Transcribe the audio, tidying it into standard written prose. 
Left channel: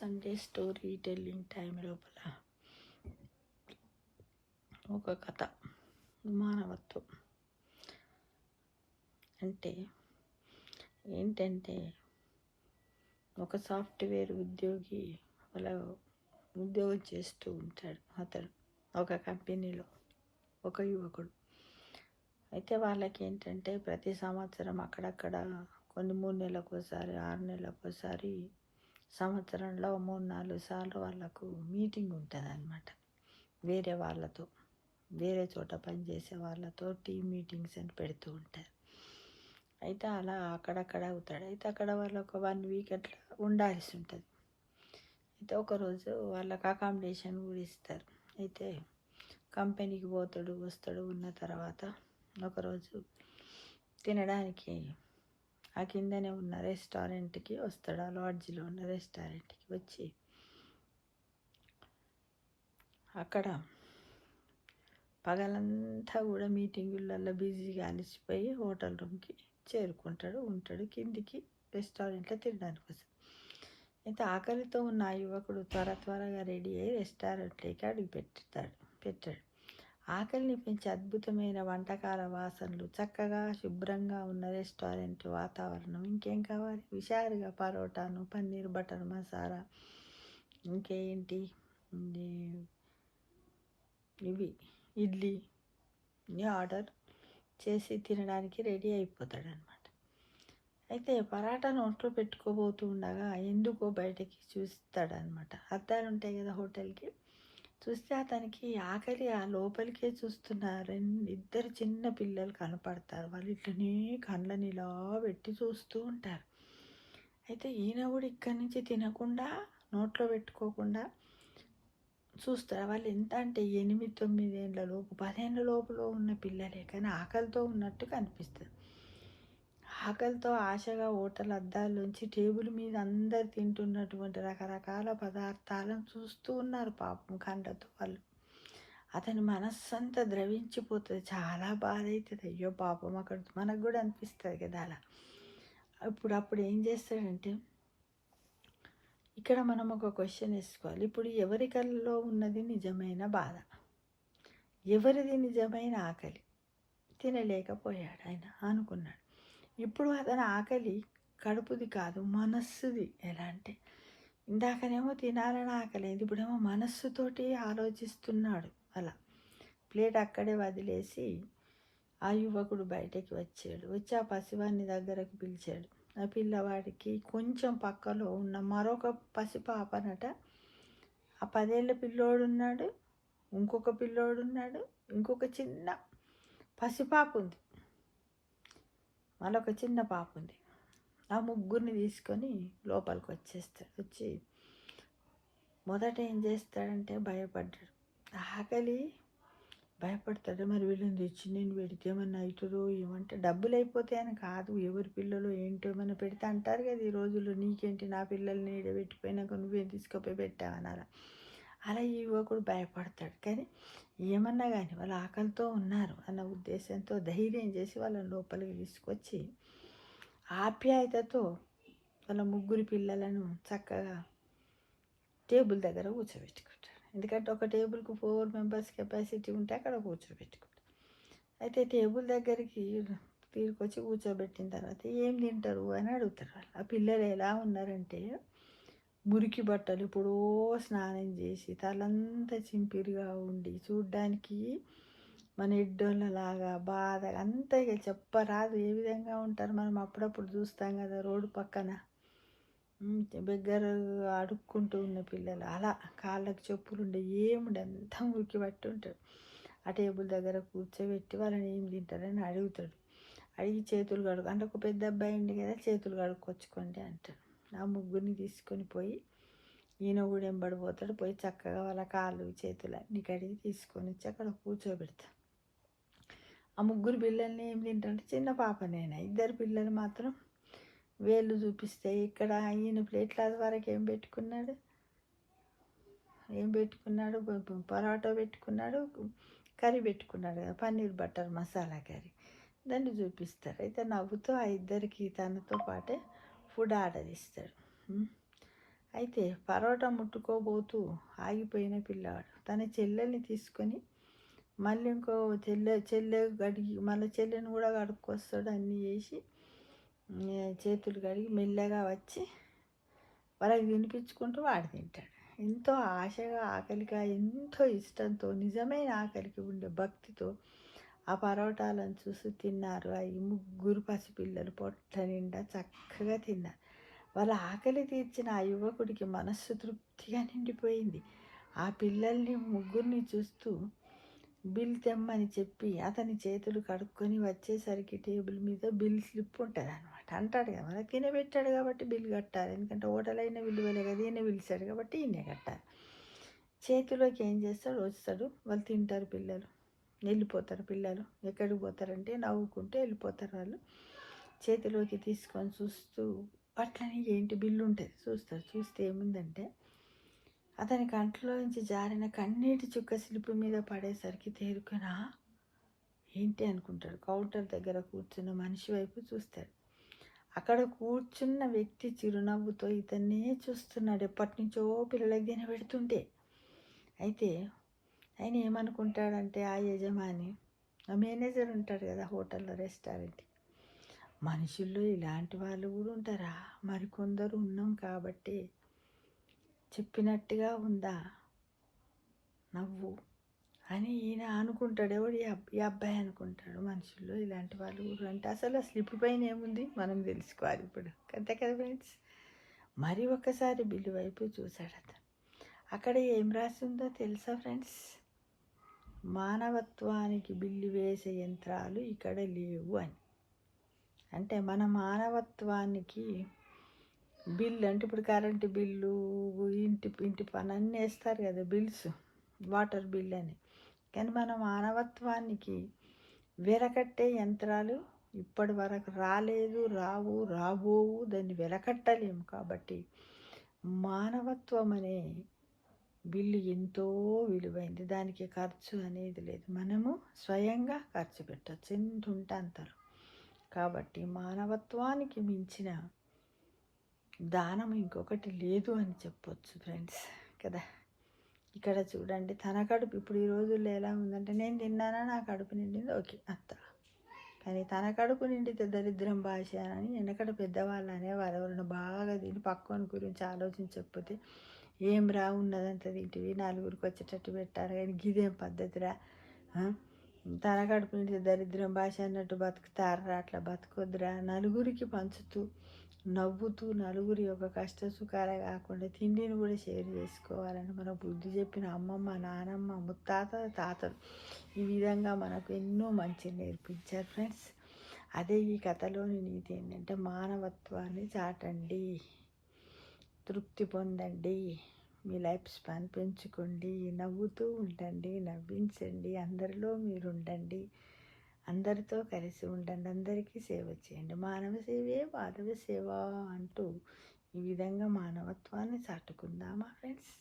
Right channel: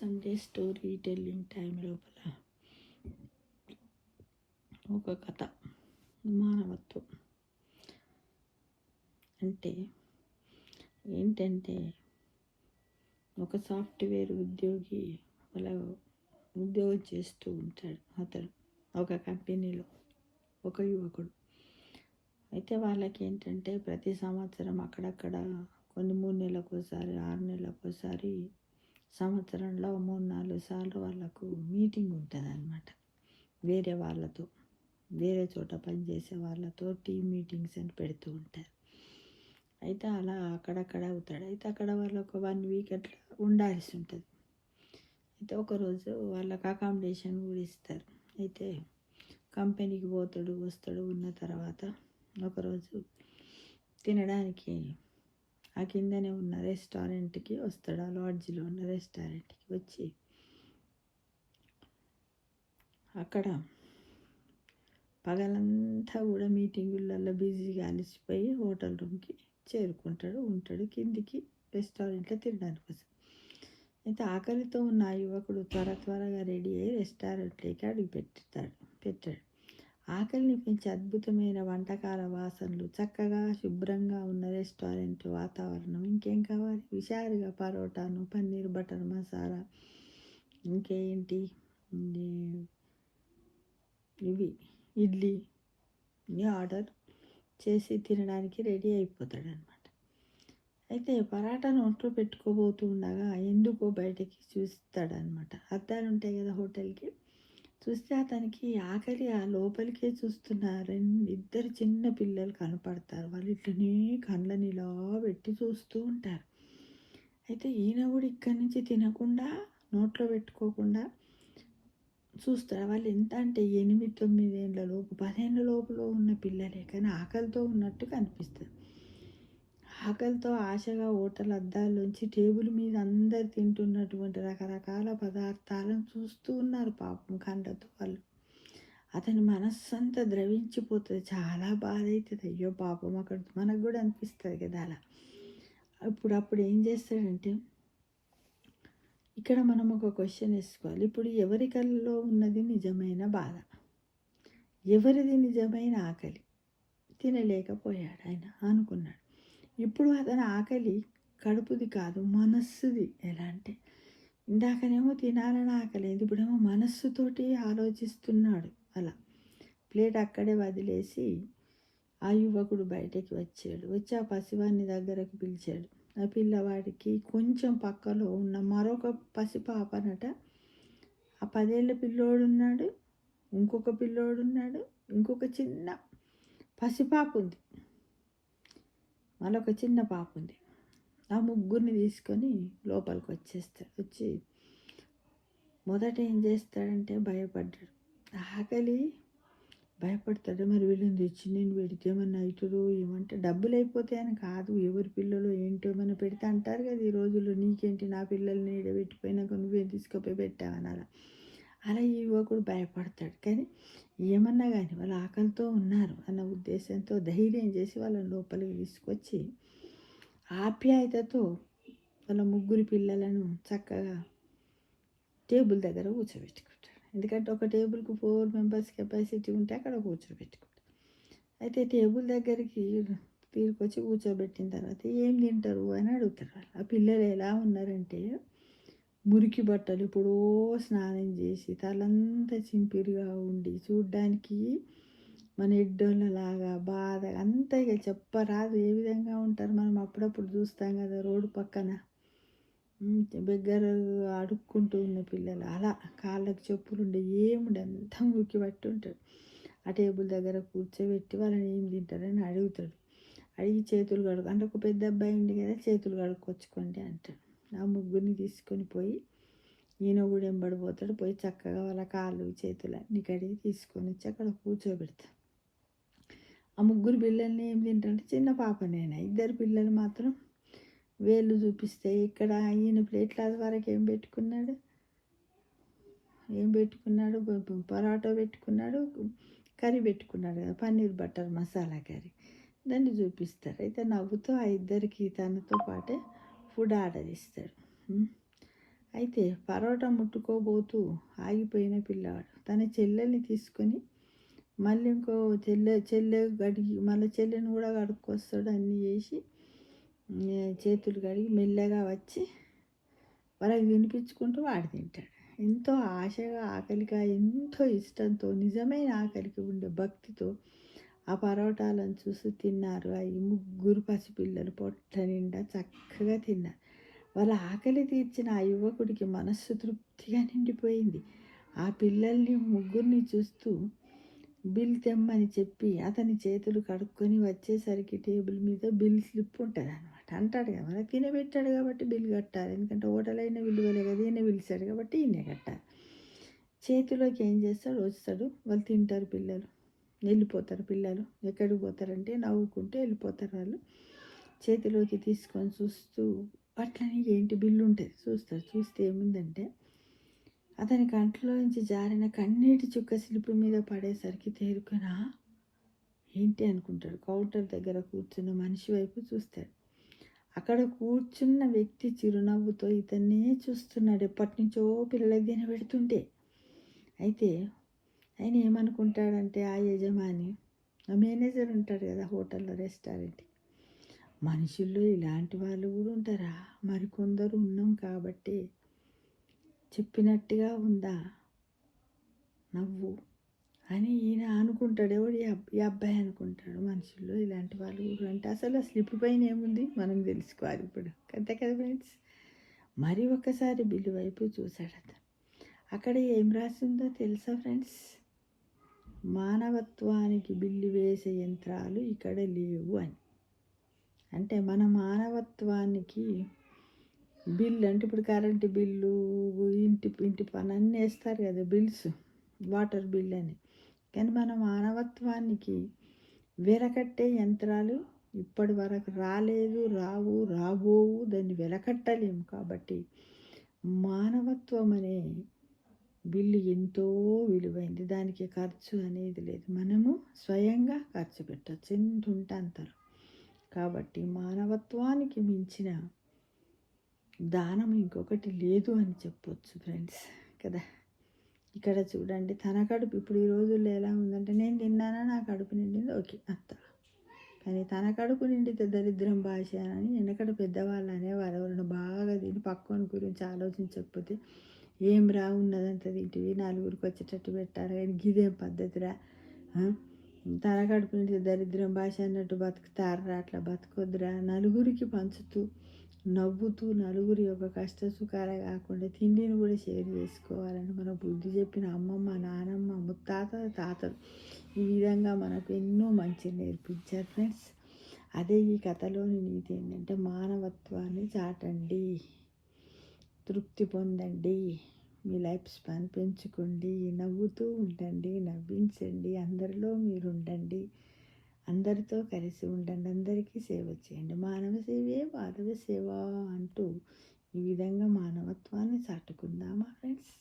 Sunday story telling time లోపల ఒక కథ మానవత్వం అంటే ఏంటంటే ఒక సాఫ్ట్వేర్ ఉద్యోగి వాళ్ళ ఉద్యోగం చేస్తూ ఉంటాడు. అతడు ఒక కంపెనీలో ఒక యువకుడు. అయితే వాళ్ళకి ఏంటంటే ప్రతి సంవత్సరం అక్కడక్కడ కొన్ని 3 నెలలకోసారి 6 నెలలకోసారి సంవత్సరంలో 3-4 సార్లు వాళ్ళకు మీటింగ్ ఉంటుంది అన్నమాట. వేరే వాళ్ళతో, వేరే చోట పనిచేసే వాళ్ళతో టీమ్ మీటింగ్స్ అని పెడుతూ ఉంటారు. అయితే అలా అక్కడక్కడ అవుతాడు. అయితే అక్కడ వాళ్ళు ఒక 1 వీక్ అట్లా ఉండాల్సి ఉంటుంది. అయితే ఒకరోజు వాళ్ళకి అకామిడేషన్ కూడా ఇస్తారు. అయితే కంపెనీకి పోతాడు, వస్తాడు. ఉన్న తర్వాత ఒకరోజు తినడానికి ఆ కిందనే ఉన్న రెస్టారెంట్కి వస్తాడు. ఆ లాడ్జ్లో ఉన్న రెస్టారెంట్కి వచ్చి అక్కడ పగలంతా కూడా మీటింగులలో బిజీగా అలసిపోయి హోటల్ రూమ్కి చేరుకుంటాడు. ఉంటాడు కిందికి రెస్టారెంట్లో తినడానికి వస్తాడు. అయితే ఆకలితో ఉన్న ఆ యువకుడు త్వరగా రెడీ అయ్యి రెస్టారెంట్లోకి అడుగు పెట్టాడు. ఆకలిని పెంచి అద్భుతమైన వంటకాల వాసనలు, చక్కగా శుభ్రంగా ఉన్న రెస్టారెంట్ వాతావరణం, ఇంకేం కావాలి? హుషారుగా పరోటాను, పన్నీర్ బటర్ మసాలా, ఇంకేంటి ఇవి ఇడ్లీ ఆర్డర్ చేసి తినడానికి రెడీ అయిపోతాడు అనమాట. అయితే పరాటా నోట్లో పెట్టుకోబోతూ ఉండగా ఎందుకో బయటకి చూస్తాడనమాట. అద్దాలు ఉంటాయి కదా హోటల్కి. చూస్తే అతనికి ఆకలి ఆ లోపలికే చూస్తున్నారు. 2 చిన్న పిల్లలు కనపడతారు. వాళ్ళు ఇట్లనే కళ్ళని ఇలా పెట్టి చూస్తూ ఉంటారు. అయితే ఈయన కూడా ఇక్కడి నుంచి తినకుండా నోట్లో పెట్టుకోకుండా చూస్తారు. వాళ్ళు ఎంత అంటే 8-9 ఏళ్ళ లోపు 10 ఏళ్ళ లోపల ఉన్న పిల్లలే, కానీ ఆకలితో ఉన్నట్టు కనిపిస్తుంది. ఆకలితో ఆశగా హోటల్ అద్దాల్లోంచి టేబుల్ మీద అందరు తింటున్నటువంటి రకరకాల పదార్థాలను చూస్తూ ఉన్నారు పాపం కళ్ళతో వాళ్ళు. అతని మనస్సంతా ద్రవించిపోతుంది. చాలా బాధ అవుతుంది. అయ్యో పాపం అక్కడ మనకు కూడా అనిపిస్తుంది కదా అలా. అప్పుడు ఏం చేస్తాడంటే, ఇక్కడ మనం ఒక క్వశ్చన్ వేసుకోవాలి. ఇప్పుడు ఎవరి కళ్ళలో ఉన్నది నిజమైన బాధ? ఎవరిది నిజమైన ఆకలి? తినలేకపోయాడు ఆయన అనుకున్నాడు. ఇప్పుడు అతని ఆకలి కడుపుది కాదు, మనస్సుది. ఎలా అంటే ఇందాకనేమో తినాలని ఆకలేదు, ఇప్పుడేమో మనస్సుతోటి ఆలోచిస్తున్నాడు. అలా ప్లేట్ అక్కడే వదిలేసి ఆ యువకుడు బయటకి వచ్చి ఆ పసివాడిని దగ్గరకు పిలిచాడు. ఆ పిల్లవాడికి కొంచెం పక్కలో ఉన్న మరొక పసిపాపనట, ఆ 10 ఏళ్ళ పిల్లోడు ఉన్నాడు, ఇంకొక పిల్లోడు ఉన్నాడు, ఇంకొక చిన్న పసిపాప ఉంది, మళ్ళొక చిన్న పాప ఉంది. ఆ ముగ్గురిని తీసుకొని లోపలికి వచ్చి మొదట ఏం చేస్తాడంటే భయపడ్డాడు. ఆకలి భయపడతాడు. మరి వీళ్ళని తెచ్చి నేను పెడితే ఏమన్నా అవుతుందో ఏమంటే, డబ్బులు అయిపోతాయని కాదు, ఎవరి పిల్లలు ఏంటో ఏమైనా పెడితే అంటారు కదా ఈ రోజుల్లో, నీకేంటి నా పిల్లల్ని పెట్టిపోయినాక నువ్వేం తీసుకుపోయి పెట్టావని. అలా ఈ యువకుడు భయపడతాడు. కానీ ఏమన్నా కానీ వాళ్ళు ఆకలితో ఉన్నారు అన్న ఉద్దేశంతో ధైర్యం చేసి వాళ్ళని లోపలికి తీసుకొచ్చి ఆప్యాయతతో వాళ్ళ ముగ్గురు పిల్లలను చక్కగా టేబుల్ దగ్గర కూర్చోబెట్టుకుంటాడు. ఎందుకంటే ఒక టేబుల్కి 4 మెంబర్స్ కెపాసిటీ ఉంటే అక్కడ కూర్చోబెట్టుకుంటాడు. అయితే టేబుల్ దగ్గరికి తీసుకొచ్చి కూర్చోబెట్టిన తర్వాత ఏం తింటారు అని అడుగుతారు వాళ్ళు. ఆ పిల్లలు ఎలా ఉన్నారంటే మురికి బట్టలు ఎప్పుడో స్నానం చేసి తలంతా చింపిరిగా ఉండి చూడ్డానికి మన ఎడ్డోళ్ళలాగా బాధ అంతా ఇక చెప్పరాదు ఏ విధంగా ఉంటారు. మనం అప్పుడప్పుడు చూస్తాం కదా రోడ్డు పక్కన బెగ్గర అడుక్కుంటూ ఉన్న పిల్లలు, అలా కాళ్ళకు చెప్పులు ఉండే ఏముండే అంతా మురికి పట్టి ఉంటాడు. ఆ టేబుల్ దగ్గర కూర్చోబెట్టి వాళ్ళని ఏం తింటారని అడుగుతాడు. అడిగి చేతులు అంటే ఒక పెద్ద అబ్బాయి ఉండి కదా, చేతులు కడుక్కొచ్చుకోండి అంటాడు. ఆ ముగ్గురిని తీసుకొని పోయి ఈయన కూడా ఎంబడిపోతాడు. పోయి చక్కగా వాళ్ళ కాళ్ళు చేతులు అన్ని కడిగి తీసుకొని వచ్చి అక్కడ కూర్చోబెడతాడు. ఆ ముగ్గురు పిల్లల్ని ఏం తింటారంటే చిన్న పాపనైనా, 2 పిల్లలు మాత్రం వేళ్ళు చూపిస్తే ఇక్కడ ఈయన ప్లేట్ల వరకు ఏం పెట్టుకున్నాడు, పరోటా పెట్టుకున్నాడు, కర్రీ పెట్టుకున్నాడు కదా, పన్నీర్ బటర్ మసాలా కర్రీ, దాన్ని చూపిస్తారు. అయితే నవ్వుతూ ఆ 2కి తనతో పాటే ఫుడ్ ఆర్డర్ ఇస్తాడు. అయితే పరోటా ముట్టుకోబోతూ ఆగిపోయిన పిల్లవాడు తన చెల్లెల్ని తీసుకొని మళ్ళీ ఇంకో చెల్లె గడిగి మళ్ళీ చెల్లెని కూడా కడుక్కొస్తాడు, అన్నీ చేసి చేతులు కడిగి మెల్లగా వచ్చి వాళ్ళకి తినిపించుకుంటూ వాడు తింటాడు. ఎంతో ఆశగా, ఆకలిగా, ఎంతో ఇష్టంతో, నిజమైన ఆకలికి ఉండే భక్తితో ఆ పరోటాలను చూసి తిన్నారు. ఆ ముగ్గురు పసిపిల్లలు పొట్ట నిండా చక్కగా తిన్నారు. వాళ్ళ ఆకలి తీర్చిన ఆ యువకుడికి మనస్సు తృప్తిగా నిండిపోయింది. ఆ పిల్లల్ని ముగ్గురిని చూస్తూ బిల్ తెమ్మని చెప్పి అతని చేతులు కడుక్కొని వచ్చేసరికి టేబుల్ మీద బిల్ స్లిప్ ఉంటుంది అనమాట. అంటాడు కదా, మనకి తినబెట్టాడు కాబట్టి బిల్ కట్టాలి, ఎందుకంటే హోటల్ అయినా విలువలే కదా, ఈయన పిలిచాడు కాబట్టి ఈయనే కట్టాలి. చేతిలోకి ఏం చేస్తాడు, వస్తాడు, వాళ్ళు తింటారు, పిల్లలు వెళ్ళిపోతారు. పిల్లలు ఎక్కడికి పోతారంటే నవ్వుకుంటూ వెళ్ళిపోతారు. వాళ్ళు చేతిలోకి తీసుకొని చూస్తూ అట్లనే ఏంటి బిల్లు ఉంటుంది చూస్తారు. చూస్తే ఏముందంటే అతని కంట్లో నుంచి జారిన కన్నీటి చుక్క స్లిప్ మీద పడేసరికి తేరుకునా ఏంటి అనుకుంటాడు. కౌంటర్ దగ్గర కూర్చున్న మనిషి వైపు చూస్తాడు. అక్కడ కూర్చున్న వ్యక్తి చిరునవ్వుతో ఇతన్నే చూస్తున్నాడు, ఎప్పటి నుంచో పిల్లలకి తినబెడుతుంటే. అయితే ఆయన ఏమనుకుంటాడంటే, ఆ యజమాని, ఆ మేనేజర్ ఉంటాడు కదా హోటల్లో, రెస్టారెంట్, మనుషుల్లో ఇలాంటి వాళ్ళు కూడా ఉంటారా, మరికొందరు ఉన్నాం కాబట్టి చెప్పినట్టుగా ఉందా నవ్వు అని ఈయన అనుకుంటాడు. ఎవడు ఈ అబ్బాయి అనుకుంటాడు, మనుషుల్లో ఇలాంటి వాళ్ళు కూడా అంటే. అసలు ఆ స్లిప్ పైన ఏముంది మనం తెలుసుకోవాలి ఇప్పుడు, అంతే కదా ఫ్రెండ్స్. మరి ఒకసారి బిల్లు వైపు చూశాడు అతను. అక్కడ ఏం రాసి ఉందో తెలుసా ఫ్రెండ్స్? మానవత్వానికి బిల్లు వేసే యంత్రాలు ఇక్కడ లేవు అని. అంటే మన మానవత్వానికి బిల్లు అంటే ఇప్పుడు కరెంటు బిల్లు, ఇంటి పని అన్నీ వేస్తారు కదా బిల్స్, వాటర్ బిల్ అని. కానీ మన మానవత్వానికి వెలకట్టే యంత్రాలు ఇప్పటి వరకు రాలేదు, రావు, రాబోవు, దాన్ని వెలకట్టలేము. కాబట్టి మానవత్వం అనే బిల్లు ఎంతో విలువైంది, దానికి ఖర్చు అనేది లేదు, మనము స్వయంగా ఖర్చు పెట్టచ్చు ఎంత ఉంటే అంతలో. కాబట్టి మానవత్వానికి మించిన దానం ఇంకొకటి లేదు అని చెప్పొచ్చు ఫ్రెండ్స్ కదా. ఇక్కడ చూడండి, తన కడుపు ఇప్పుడు ఈ రోజుల్లో ఎలా ఉందంటే, నేను తిన్నానా నా కడుపు నిండింది ఓకే అంత, కానీ తన కడుపు నిండితే దరిద్రం భాష అని వెనకడ పెద్దవాళ్ళు అనేవారు. ఎవరైనా బాగా తిని పక్కన గురించి ఆలోచించకపోతే, ఏం రా ఉన్నదంతా తింటివి, నలుగురికి వచ్చేటట్టు పెట్టారు, కానీ గిదేం పద్ధతిరా, తన కడుపు నిండితే దరిద్రం భాష అన్నట్టు బతుకుతారా, అట్లా బతుకొద్దురా, నలుగురికి పంచుతూ నవ్వుతూ నలుగురి యొక్క కష్ట సుఖాలే కాకుండా తిండిని కూడా షేర్ చేసుకోవాలని మనకు బుద్ధి చెప్పిన అమ్మమ్మ, నానమ్మ, ముత్తాత, తాతలు ఈ విధంగా మనకు ఎన్నో మంచి నేర్పించారు ఫ్రెండ్స్. అదే ఈ కథలోని నీతి ఏంటంటే, మానవత్వాన్ని చాటండి, తృప్తి పొందండి, మీ లైఫ్ స్పాన్ పెంచుకోండి, నవ్వుతూ ఉండండి, నవ్వించండి, అందరిలో మీరు ఉండండి, అందరితో కలిసి ఉండండి, అందరికీ సేవ చేయండి. మానవ సేవే మాధవ సేవ అంటూ ఈ విధంగా మానవత్వాన్ని చాటుకుందామా ఫ్రెండ్స్.